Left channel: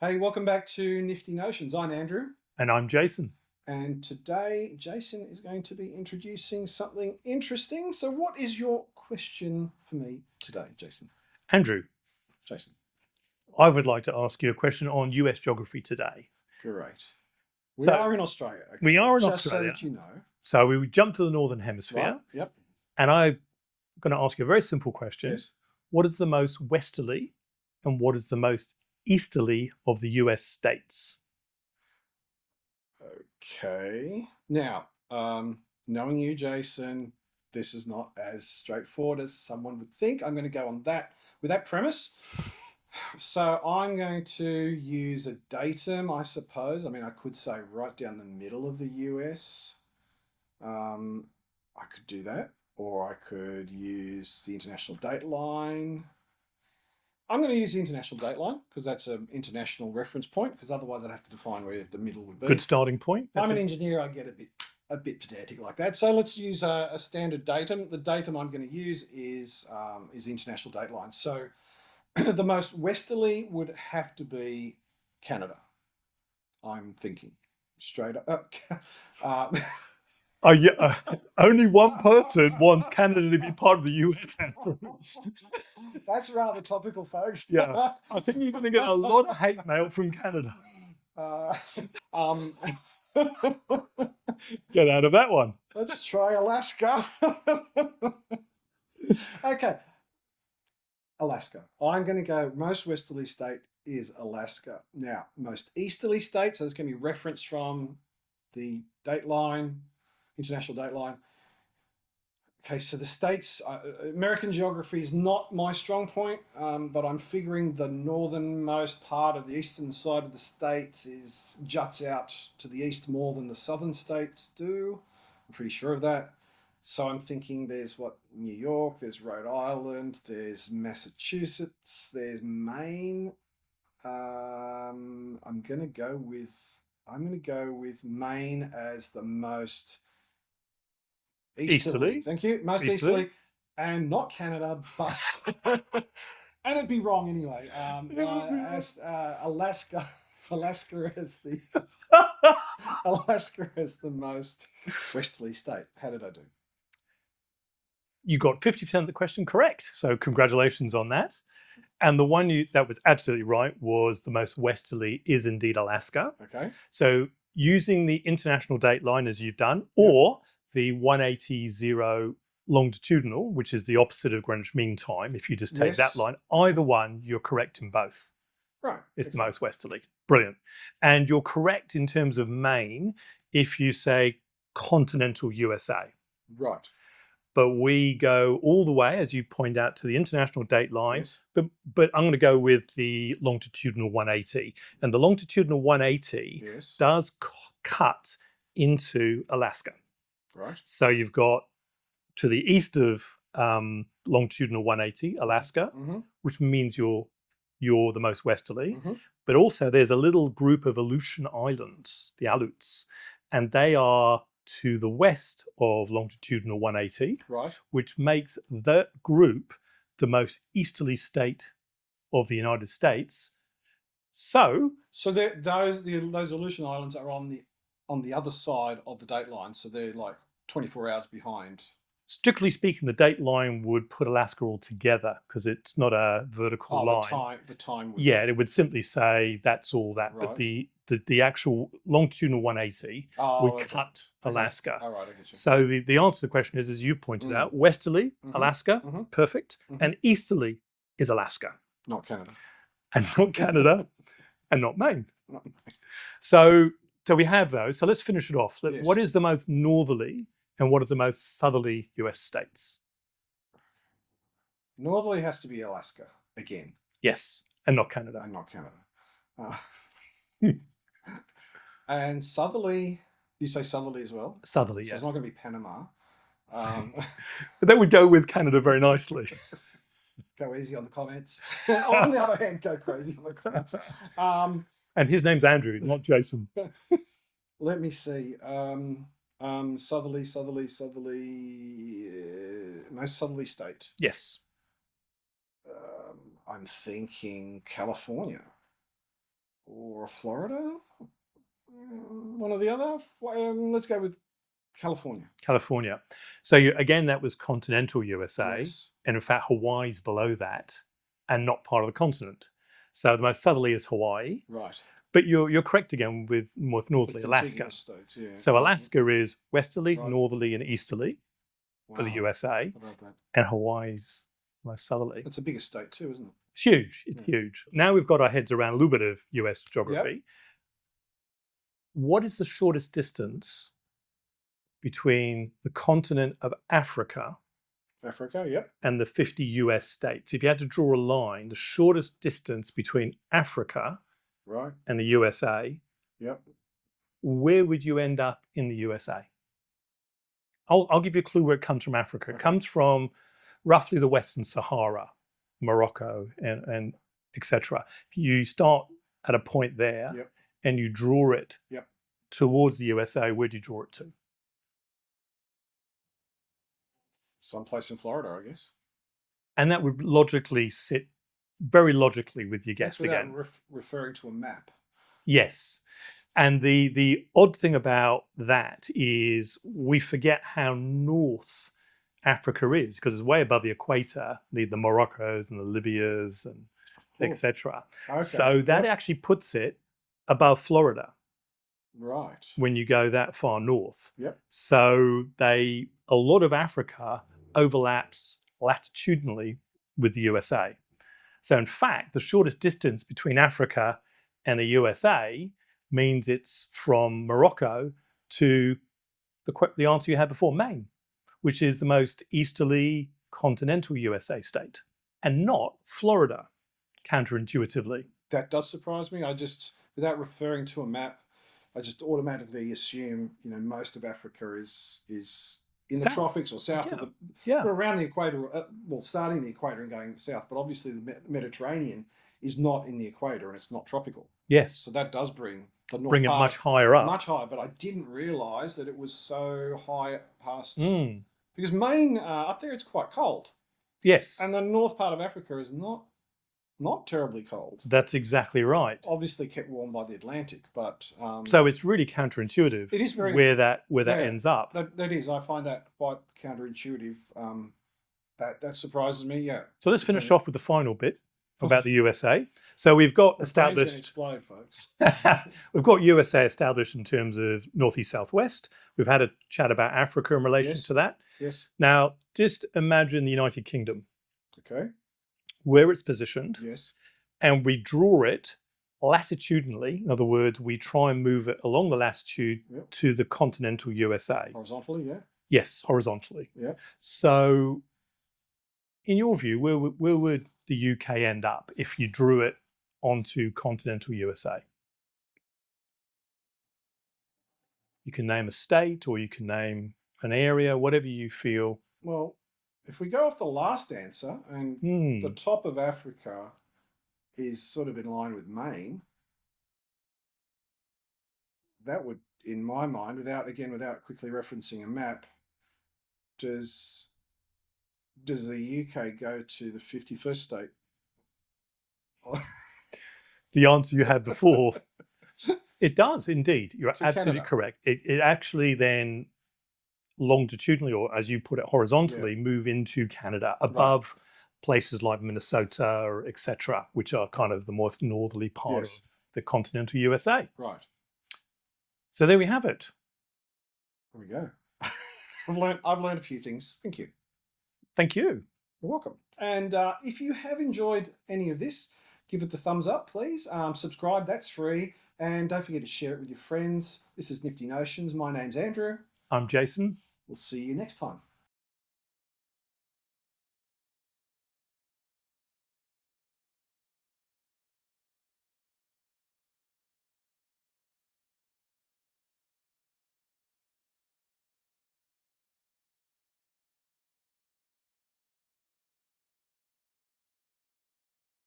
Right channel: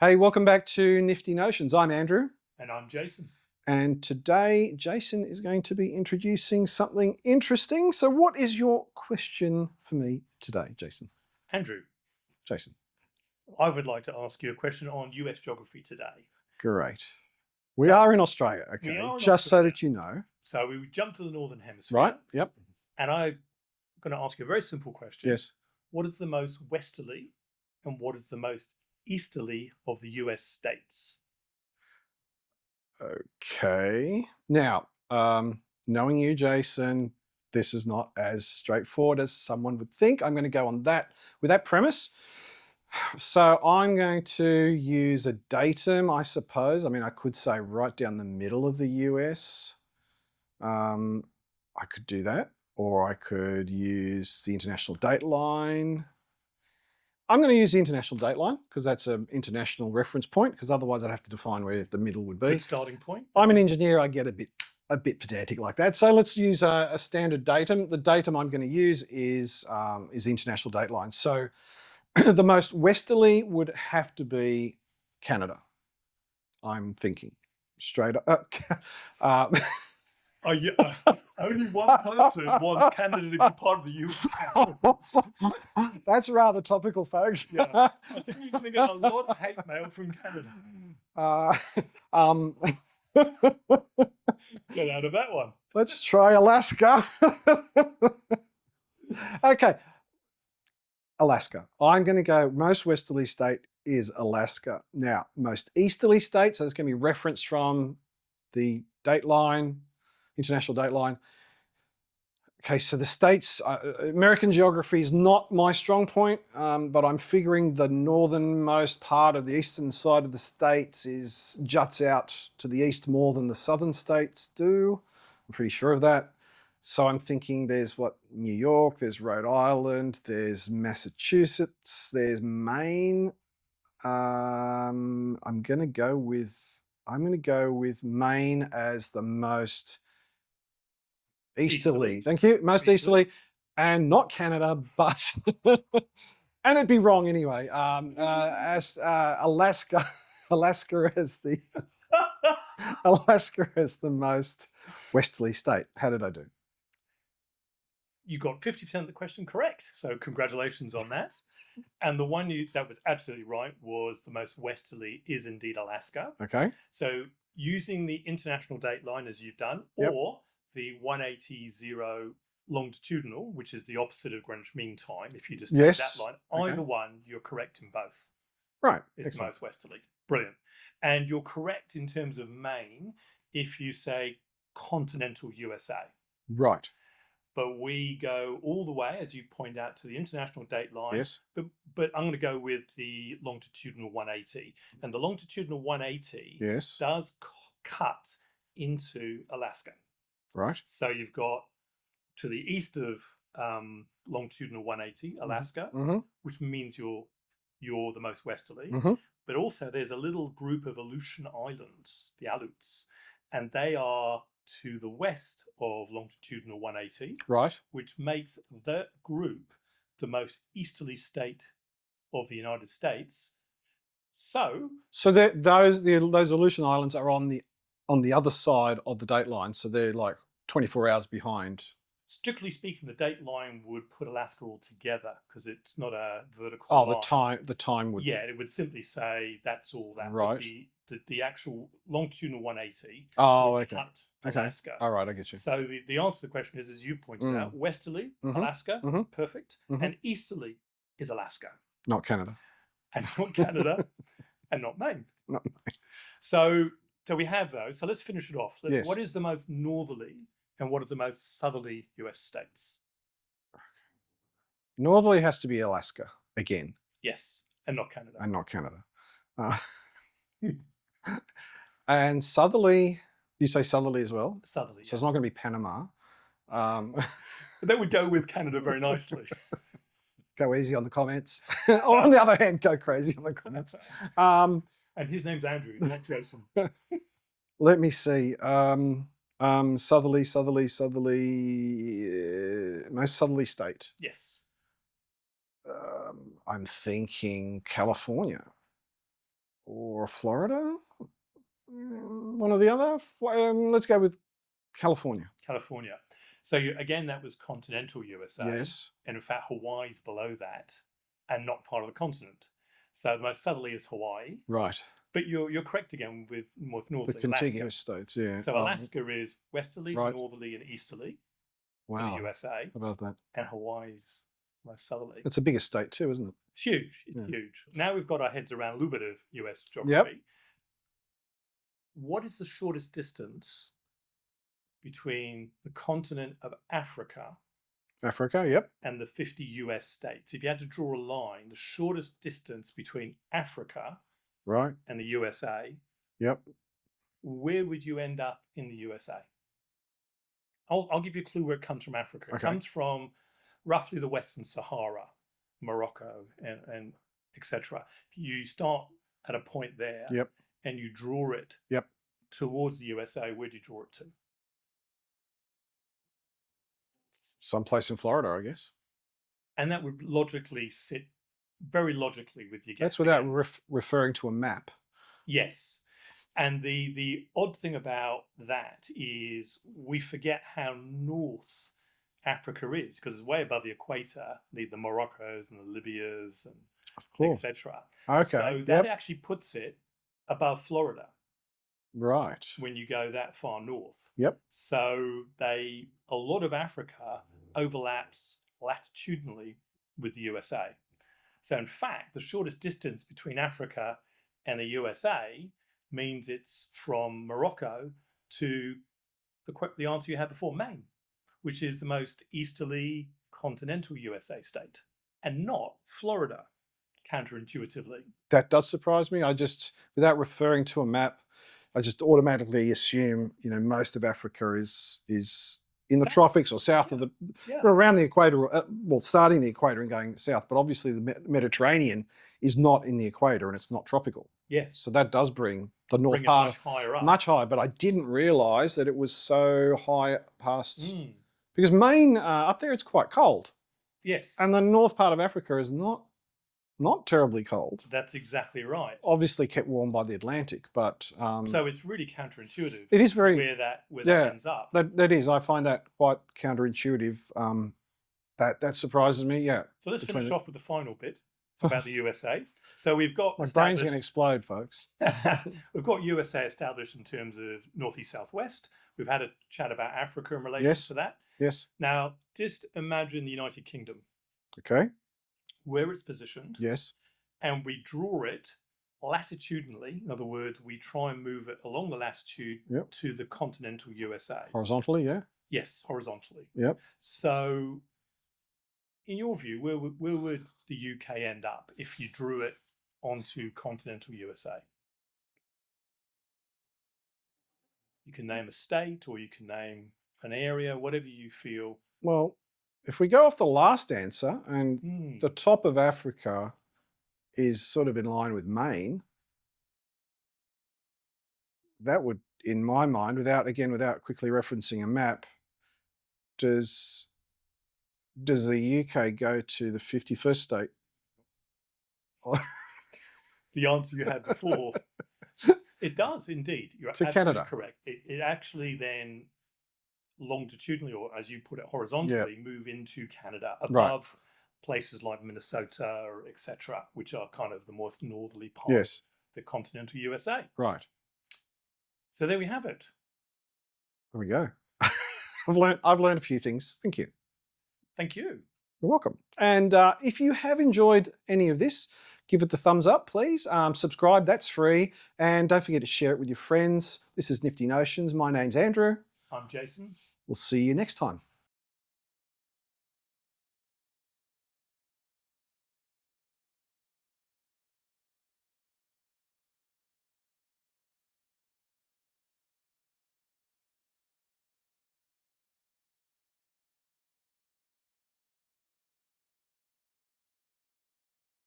Hey, welcome back to Nifty Notions. I'm Andrew, And I'm Jason. and today Jason is going to be introducing something interesting. So, what is your question for me today, Jason? Andrew, Jason, I would like to ask you a question on US geography today. great. We So are in Australia, okay? we are in Just so Australia. that you know. So we would jump to the Northern Hemisphere. Right? Yep. And I'm going to ask you a very simple question. Yes. What is the most westerly and what is the most easterly of the US states? Okay. Now, knowing you, Jason, this is not as straightforward as someone would think. I'm going to go on that with that premise. So I'm going to use a datum, I suppose. I mean, I could say right down the middle of the US. I could do that, or I could use the international date line. I'm going to use the international date line because that's an international reference point, because otherwise I'd have to define where the middle would be. Good starting point. I'm an engineer, I get a bit pedantic like that. So let's use a standard datum. The datum I'm going to use is the international date line. So the most westerly would have to be Canada. I'm thinking straight up. Oh, yeah. Only one person wants Canada to be part of the US. That's rather topical, folks. Yeah. I think you're going to get a lot of hate mail from Canada. Um, Get out of that one. let's try Alaska. Okay. Alaska. I'm going to go most westerly state is Alaska. Now, most easterly state, so it's going to be referenced from the date line, international date line. Okay, so the states, American geography is not my strong point, but I'm figuring the northernmost part of the eastern side of the states juts out to the east more than the southern states do. I'm pretty sure of that. So I'm thinking there's New York, there's Rhode Island, there's Massachusetts, there's Maine. I'm gonna go with Maine as the most easterly. Thank you. Most easterly, and not Canada, but and it'd be wrong anyway. As Alaska, Alaska as the Alaska as the most westerly state. How did I do? You got 50% of the question correct. So congratulations on that. And the one that was absolutely right was the most westerly is indeed Alaska. Okay. So using the international date line as you've done, or the 180 longitudinal, which is the opposite of Greenwich Mean Time, if you just take that line, either one, you're correct in both. Right. It's the most westerly. Brilliant. And you're correct in terms of Maine if you say continental USA. Right. But we go all the way, as you point out, to the international date line. Yes. But I'm going to go with the longitudinal 180. And the longitudinal 180 does cut into Alaska. Right. So you've got to the east of longitudinal 180, Alaska, which means you're the most westerly. But also there's a little group of Aleutian Islands, the Aleuts, and they are to the west of longitudinal 180, right, which makes that group the most easterly state of the United States. So those Aleutian Islands are on the other side of the date line, so they're like 24 hours behind. Strictly speaking, the date line would put Alaska all together because it's not a vertical line. The time would. Yeah, it would simply say that's all that. Right. But the actual longitudinal 180 would cut Alaska. All right, I get you. So the answer to the question is, as you pointed out, westerly, Alaska, perfect, and easterly is Alaska. Not Canada. And not Canada, and not Maine. Not Maine. So we have those. So let's finish it off. What is the most northerly and what are the most southerly US states? Northerly has to be Alaska again. Yes, and not Canada. And not Canada. And southerly, you say southerly as well? Southerly, so yes. It's not going to be Panama. That would go with Canada very nicely. Go easy on the comments. Or on the other hand, go crazy on the comments. And his name's Andrew, not Jason. Let me see. Southerly, most southerly state. Yes. I'm thinking California. or Florida, one or the other. Let's go with California. California. So again, that was continental USA. Yes. And in fact, Hawaii's below that and not part of the continent. So the most southerly is Hawaii. Right. But you're correct again with most northerly, The Alaska. contiguous states, yeah. So Alaska is westerly, Right. northerly, and easterly for the Wow. USA. How about that? And Hawaii's most southerly. It's a bigger state too, isn't it? It's huge. It's huge. Now we've got our heads around a little bit of US geography. Yep. What is the shortest distance between the continent of Africa Africa, yep. and the 50 US states? If you had to draw a line, the shortest distance between Africa Right. and the USA, Yep. where would you end up in the USA? I'll give you a clue where it comes from Africa. It Okay. comes from roughly the Western Sahara, Morocco, and etc. You start at a point there, Yep. and you draw it Yep. towards the USA. Where do you draw it to? Someplace in Florida, I guess. And that would logically sit very logically with your guess. That's without again. referring to a map. Yes. And the odd thing about that is we forget how north Africa is, because it's way above the equator, the Moroccos and the Libyas and etc. Okay. So that actually puts it above Florida Right. when you go that far north. Yep. So a lot of Africa overlaps latitudinally with the USA. So in fact, the shortest distance between Africa and the USA means it's from Morocco to the answer you had before, Maine, which is the most easterly continental USA state, and not Florida, counterintuitively. That does surprise me. I just, without referring to a map, I just automatically assume, most of Africa is in the tropics or south of around the equator, well, starting the equator and going south, but obviously the Mediterranean is not in the equator and it's not tropical. Yes. So that does bring the north bring it part much higher up. Much higher, but I didn't realize that it was so high past, because Maine, up there, it's quite cold. Yes. And the north part of Africa is not terribly cold. That's exactly right. Obviously kept warm by the Atlantic, but so it's really counterintuitive. It is very where that ends up. That is. I find that quite counterintuitive. That surprises me. Yeah. So let's finish off with the final bit about the USA. So we've got established. My brain's going to explode, folks. We've got USA established in terms of northeast, southwest. We've had a chat about Africa in relation to that. Yes. Now, just imagine the United Kingdom. Okay. Where it's positioned. Yes. And we draw it latitudinally. In other words, we try and move it along the latitude to the continental USA. Horizontally, yeah? Yes, horizontally. Yep. So, in your view, where would the UK end up if you drew it onto continental USA? You can name a state or you can name an area, whatever you feel. Well, if we go off the last answer and the top of Africa is sort of in line with Maine, that would, in my mind, without quickly referencing a map, does the UK go to the 51st state? The answer you had before. It does indeed. You're absolutely Canada. Correct. It actually then longitudinally, or as you put it, horizontally, move into Canada above places like Minnesota, etc., which are kind of the most northerly part of the continental USA. Right. So there we have it. There we go. I've learned a few things. Thank you. Thank you. You're welcome. And if you have enjoyed any of this, give it the thumbs up, please. Subscribe, that's free. And don't forget to share it with your friends. This is Nifty Notions. My name's Andrew. I'm Jason. We'll see you next time.